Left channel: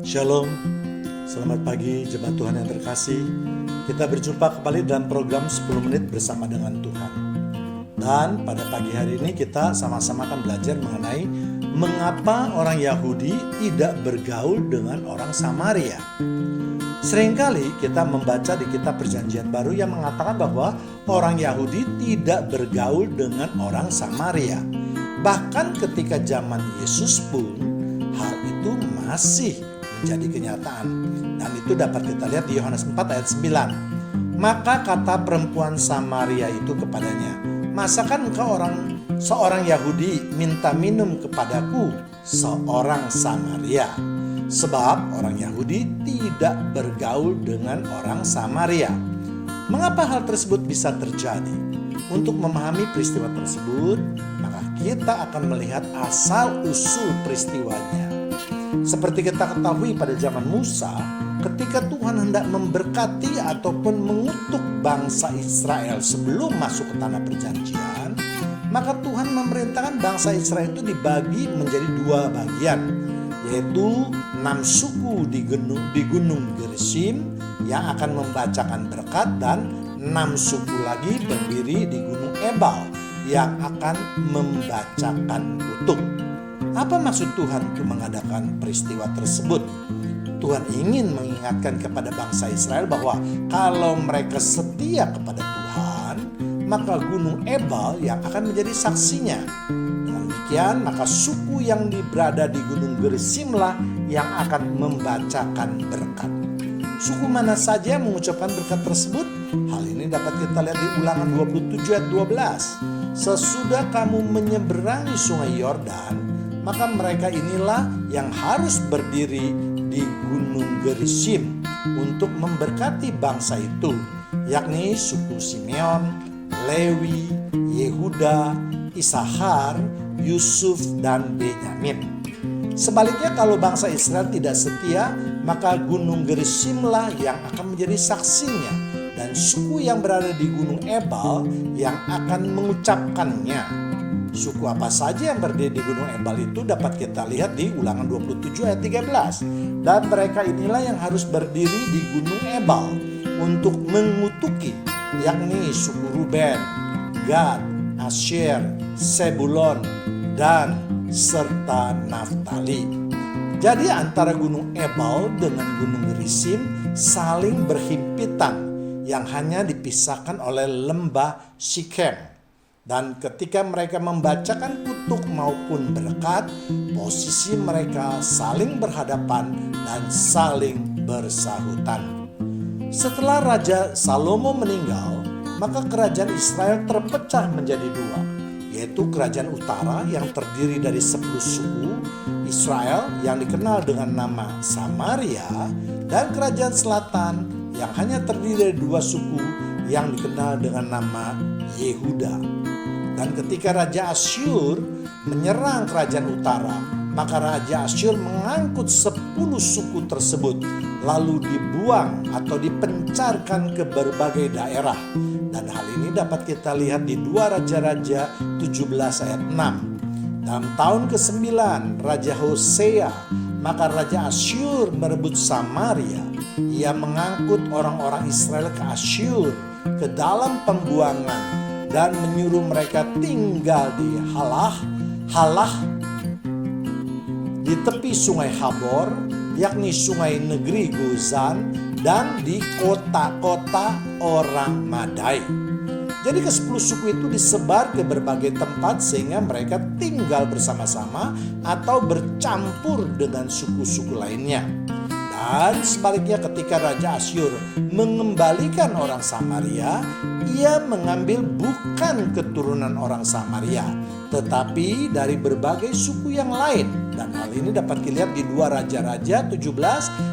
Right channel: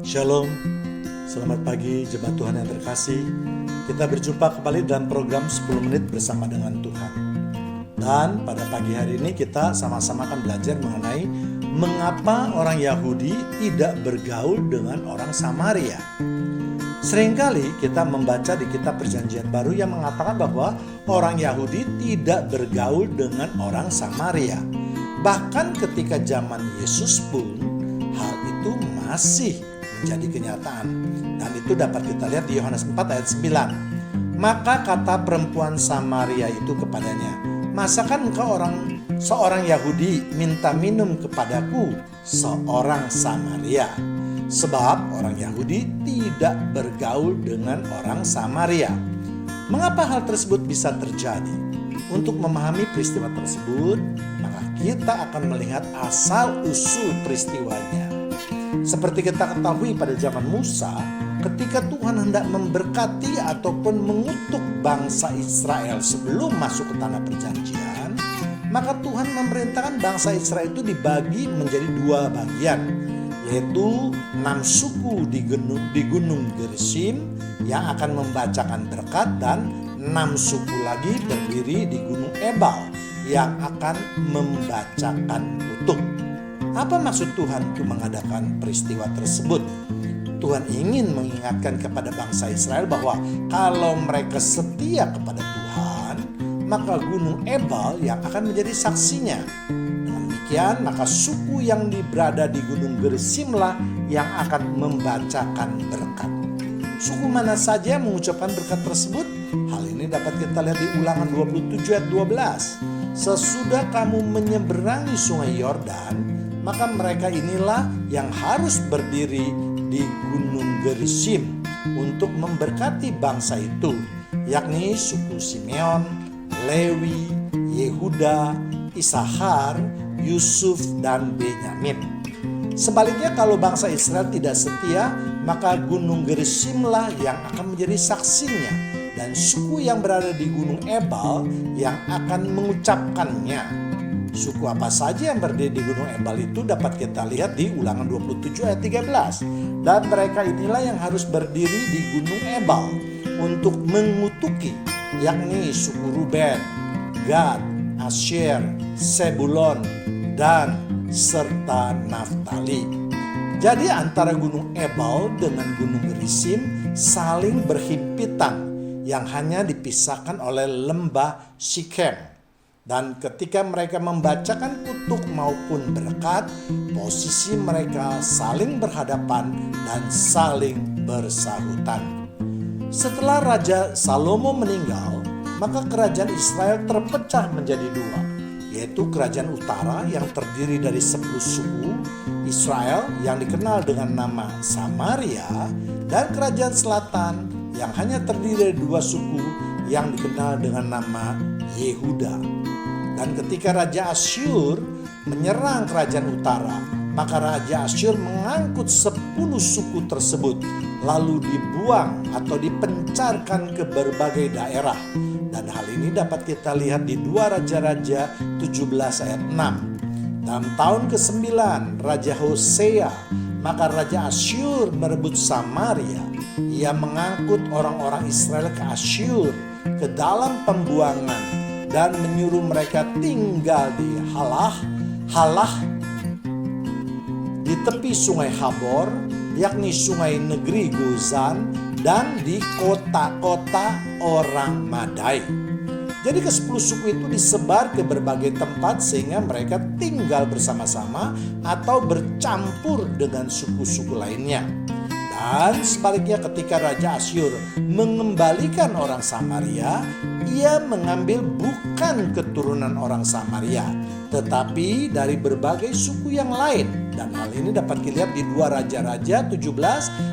Shalom, selamat pagi jemaat Tuhan yang terkasih. Kita berjumpa kembali dalam program 10 menit bersama dengan Tuhan. Dan pada pagi hari ini kita sama-sama akan belajar mengenai mengapa orang Yahudi tidak bergaul dengan orang Samaria. Seringkali kita membaca di kitab Perjanjian Baru yang mengatakan bahwa orang Yahudi tidak bergaul dengan orang Samaria. Bahkan ketika zaman Yesus pun hal itu masih menjadi kenyataan. Dan itu dapat kita lihat di Yohanes 4 ayat 9. Maka kata perempuan Samaria itu kepadanya, "Masakan engkau seorang Yahudi minta minum kepadaku, seorang Samaria?" Sebab orang Yahudi tidak bergaul dengan orang Samaria. Mengapa hal tersebut bisa terjadi? Untuk memahami peristiwa tersebut, maka kita akan melihat asal-usul peristiwanya. Seperti kita ketahui pada zaman Musa, ketika Tuhan hendak memberkati ataupun mengutuk bangsa Israel sebelum masuk ke tanah perjanjian, maka Tuhan memerintahkan bangsa Israel itu dibagi menjadi dua bagian, yaitu 6 suku di gunung Gerizim yang akan membacakan berkat, dan 6 suku lagi berdiri di gunung Ebal yang akan membacakan kutuk. Apa maksud Tuhan untuk mengadakan peristiwa tersebut? Tuhan ingin mengingatkan kepada bangsa Israel bahwa kalau mereka setia kepada Tuhan, maka gunung Ebal yang akan menjadi saksinya. Dengan demikian, maka suku yang berada di gunung Gerizimlah yang akan membacakan berkat. Suku mana saja yang mengucapkan berkat tersebut? Hal ini dapat kita lihat di Ulangan 27 ayat 12. Sesudah kamu menyeberangi sungai Yordan, maka mereka inilah yang harus berdiri di gunung Gerizim untuk memberkati bangsa itu, yakni suku Simeon, Lewi, Yehuda, Isahar, Yusuf, dan Benyamin. Sebaliknya kalau bangsa Israel tidak setia, maka gunung Gerizimlah yang akan menjadi saksinya, dan suku yang berada di gunung Ebal yang akan mengucapkannya. Suku apa saja yang berdiri di gunung Ebal itu dapat kita lihat di Ulangan 27 ayat 13. Dan mereka inilah yang harus berdiri di gunung Ebal untuk mengutuki, yakni suku Ruben, Gad, Asyer, Sebulon, dan serta Naftali. Jadi antara gunung Ebal dengan gunung Gerizim saling berhimpitan yang hanya dipisahkan oleh lembah Sikem. Dan ketika mereka membacakan kutuk maupun berkat, posisi mereka saling berhadapan dan saling bersahutan. Setelah Raja Salomo meninggal, maka kerajaan Israel terpecah menjadi dua, yaitu kerajaan utara yang terdiri dari 10 suku Israel yang dikenal dengan nama Samaria, dan kerajaan selatan yang hanya terdiri dari 2 suku yang dikenal dengan nama Yehuda. Dan ketika Raja Asyur menyerang kerajaan utara, maka Raja Asyur mengangkut 10 suku tersebut lalu dibuang atau dipencarkan ke berbagai daerah. Dan hal ini dapat kita lihat di 2 Raja-Raja 17 ayat 6. Dalam tahun ke-9 Raja Hosea, maka Raja Asyur merebut Samaria. Ia mengangkut orang-orang Israel ke Asyur ke dalam pembuangan dan menyuruh mereka tinggal di Halah di tepi sungai Habor, yakni sungai negeri Gozan, dan di kota-kota orang Madai. Jadi ke-10 suku itu disebar ke berbagai tempat sehingga mereka tinggal bersama-sama atau bercampur dengan suku-suku lainnya. Dan sebaliknya ketika Raja Asyur mengembalikan orang Samaria, ia mengambil bukan keturunan orang Samaria, tetapi dari berbagai suku yang lain. Dan hal ini dapat dilihat di 2 Raja-Raja 17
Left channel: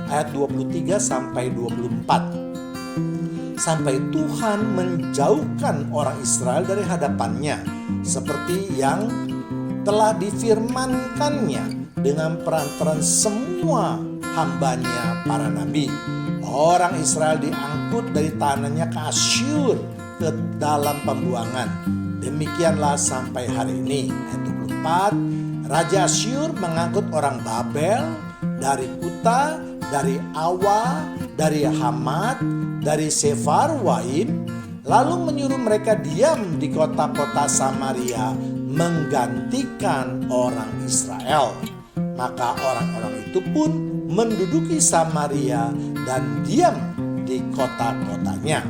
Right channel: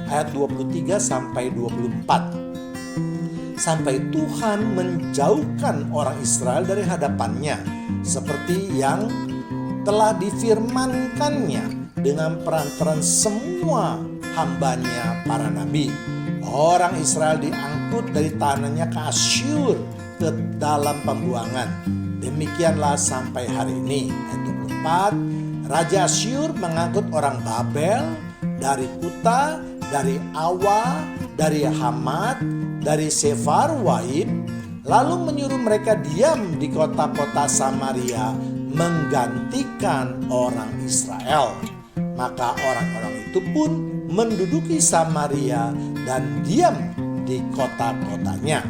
ayat 23 sampai 24. Sampai Tuhan menjauhkan orang Israel dari hadapannya, seperti yang telah difirmankannya dengan perantaran semua hambanya para nabi. Orang Israel diangkut dari tanahnya ke Asyur ke dalam pembuangan. Demikianlah sampai hari ini. Ayat 24, Raja Asyur mengangkut orang Babel dari Kuta, dari Awa, dari Hamat, dari Sefarwaim, lalu menyuruh mereka diam di kota-kota Samaria menggantikan orang Israel. Maka orang-orang itu pun menduduki Samaria dan diam di kota-kotanya.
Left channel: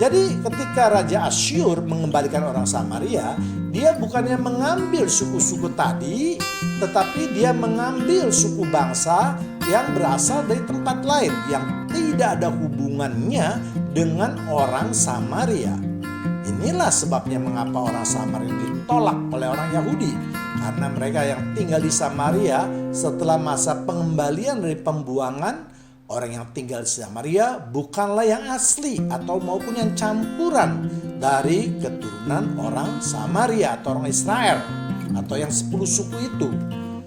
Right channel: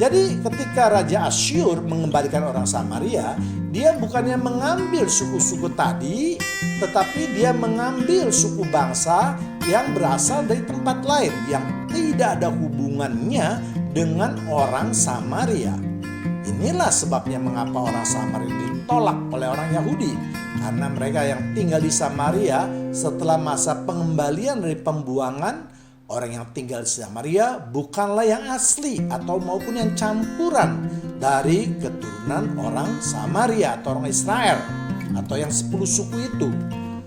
Jadi ketika Raja Asyur mengembalikan orang Samaria, dia bukannya mengambil suku-suku tadi, tetapi dia mengambil suku bangsa yang berasal dari tempat lain yang tidak ada hubungannya dengan orang Samaria. Inilah sebabnya mengapa orang Samaria ditolak oleh orang Yahudi. Karena mereka yang tinggal di Samaria setelah masa pengembalian dari pembuangan, orang yang tinggal di Samaria bukanlah yang asli atau maupun yang campuran dari keturunan orang Samaria atau orang Israel atau yang 10 suku itu.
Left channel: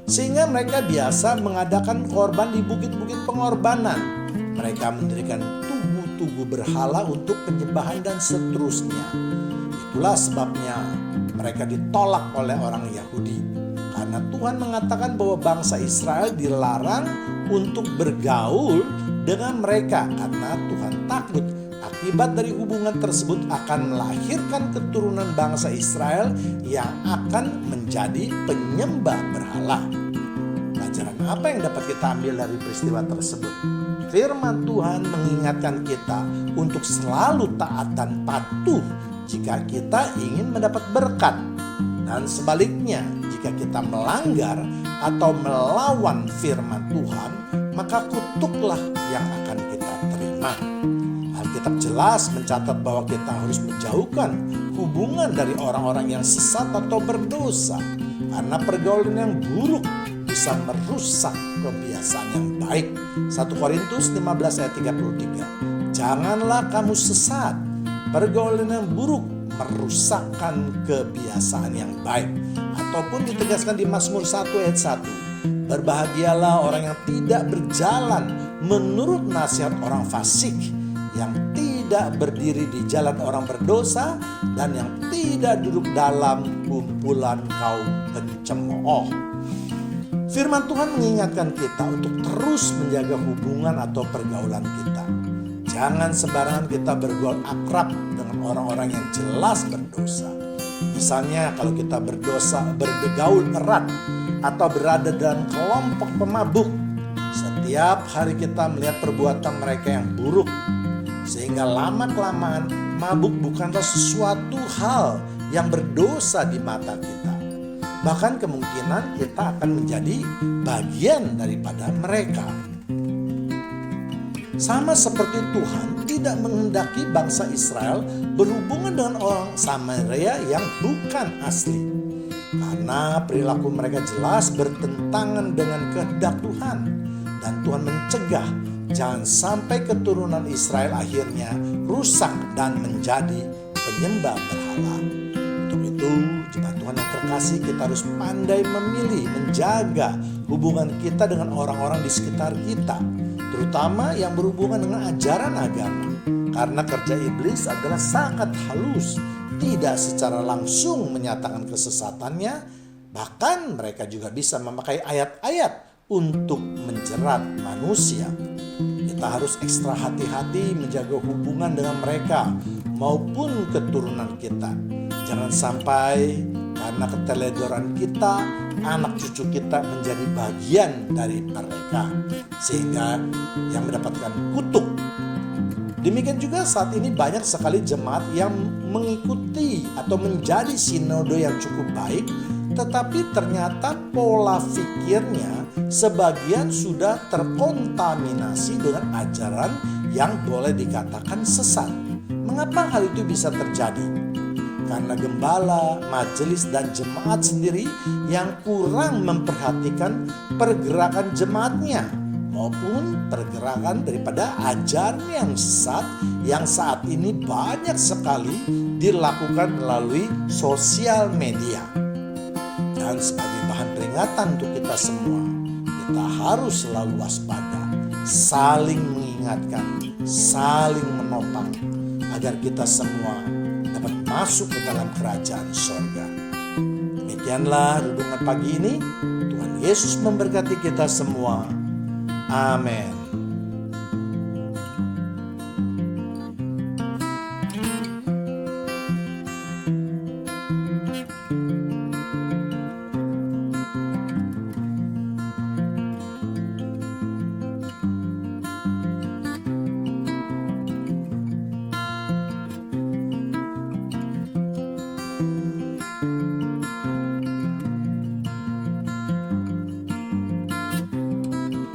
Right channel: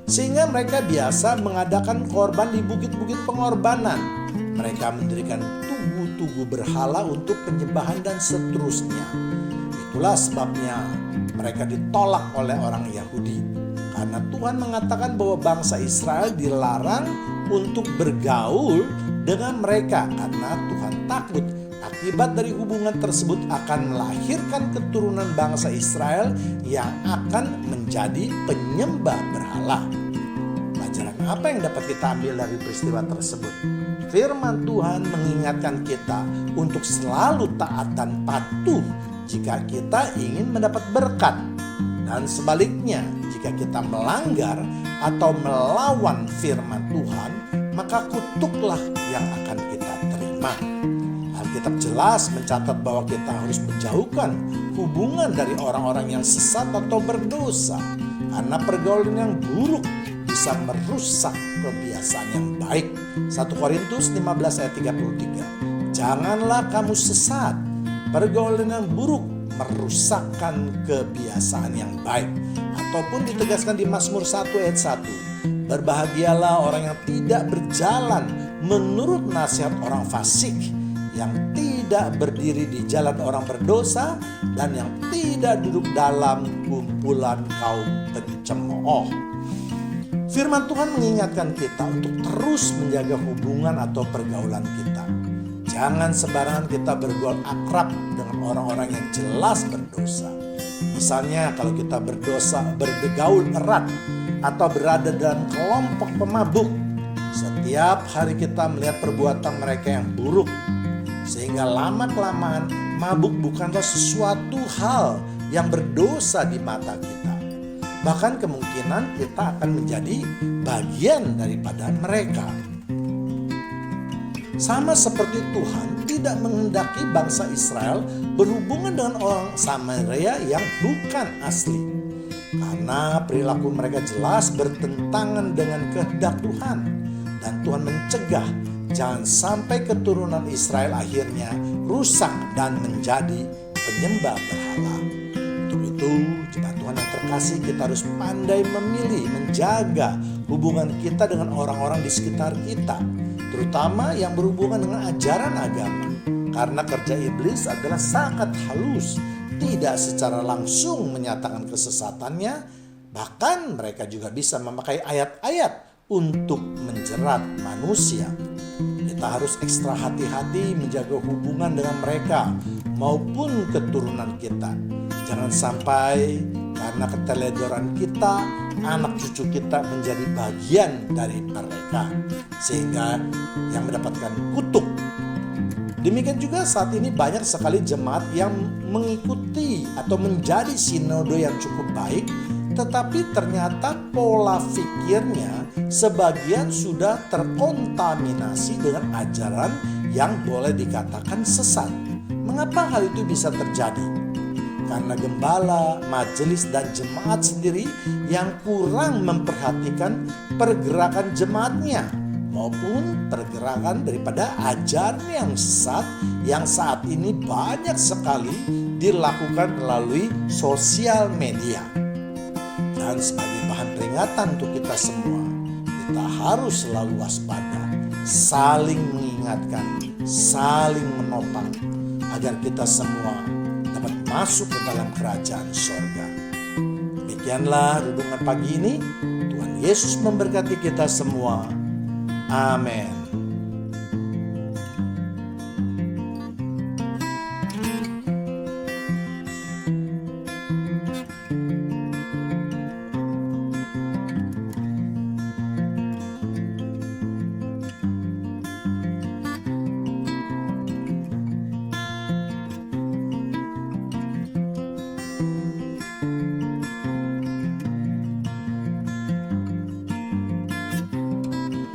Sehingga mereka biasa mengadakan korban di bukit-bukit pengorbanan. Mereka mendirikan tugu-tugu berhala untuk penyembahan dan seterusnya. Itulah sebabnya mereka ditolak oleh orang Yahudi. Karena Tuhan mengatakan bahwa bangsa Israel dilarang untuk bergaul dengan mereka. Karena Tuhan takut akibat dari hubungan tersebut akan melahirkan keturunan bangsa Israel yang akan menjadi penyembah berhala. Pelajaran apa yang dapat kita ambil dari peristiwa tersebut? Firman Tuhan mengingatkan kita untuk selalu taat dan patuh jika kita ingin mendapat berkat. Dan sebaliknya, jika kita melanggar atau melawan firman Tuhan, maka kutuklah yang akan kita terima. Alkitab jelas mencatat bahwa kita harus menjauhkan hubungan dari orang-orang yang sesat atau berdosa. Karena pergaulan yang buruk bisa merusak kebiasaan yang baik. 1 Korintus 15 ayat 33. Janganlah kamu sesat. Pergaulan yang buruk merusakkan kebiasaan yang baik. Ataupun ditegaskan di Mazmur 1 ayat 1. Berbahagialah orang yang tidak berjalan menurut nasihat orang fasik, yang tidak berdiri di jalan orang berdosa, dan yang tidak duduk dalam kumpulan kaum pencemooh. Firman Tuhan mengingatkan kita untuk terus menjaga hubungan atau pergaulan kita. Jangan sembarangan kita bergaul akrab dengan orang-orang yang jelas berdosa. Misalnya kalau kita bergaul erat atau berada dalam kelompok pemabuk, setiap hari kita melihat perbuatan mereka yang buruk. Sehingga lama-kelamaan mabuk bukanlah sesuatu hal yang berdosa di mata kita. Bahkan kemungkinan kita akan menjadi bagian daripada mereka. Sama seperti Tuhan tidak menghendaki bangsa Israel berhubungan dengan orang Samaria yang bukan asli. Karena perilaku mereka jelas bertentangan dengan kehendak Tuhan. Dan Tuhan mencegah jangan sampai keturunan Israel akhirnya rusak dan menjadi penyembah berhala. Untuk itu, jemaat Tuhan yang terkasih, kita harus pandai memilih, menjaga hubungan kita dengan orang-orang di sekitar kita. Terutama yang berhubungan dengan ajaran agama. Karena kerja iblis adalah sangat halus, tidak secara langsung menyatakan kesesatannya. Bahkan mereka juga bisa memakai ayat-ayat untuk menjerat manusia. Kita harus ekstra hati-hati menjaga hubungan dengan mereka maupun keturunan kita. Jangan sampai karena keteledoran kita, anak cucu kita menjadi bagian dari mereka, sehingga yang mendapatkan kutuk. Demikian juga saat ini banyak sekali jemaat yang mengikuti atau menjadi sinode yang cukup baik, tetapi ternyata pola pikirnya sebagian sudah terkontaminasi dengan ajaran yang boleh dikatakan sesat. Mengapa hal itu bisa terjadi? Karena gembala, majelis, dan jemaat sendiri yang kurang memperhatikan pergerakan jemaatnya maupun pergerakan daripada ajaran yang sesat yang saat ini banyak sekali dilakukan melalui sosial media. Dan sebagai bahan peringatan untuk kita semua, kita harus selalu waspada, saling mengingatkan, saling menopang, agar kita semua dapat masuk ke dalam kerajaan sorga. Demikianlah renungan pagi ini. Tuhan Yesus memberkati kita semua. Amin.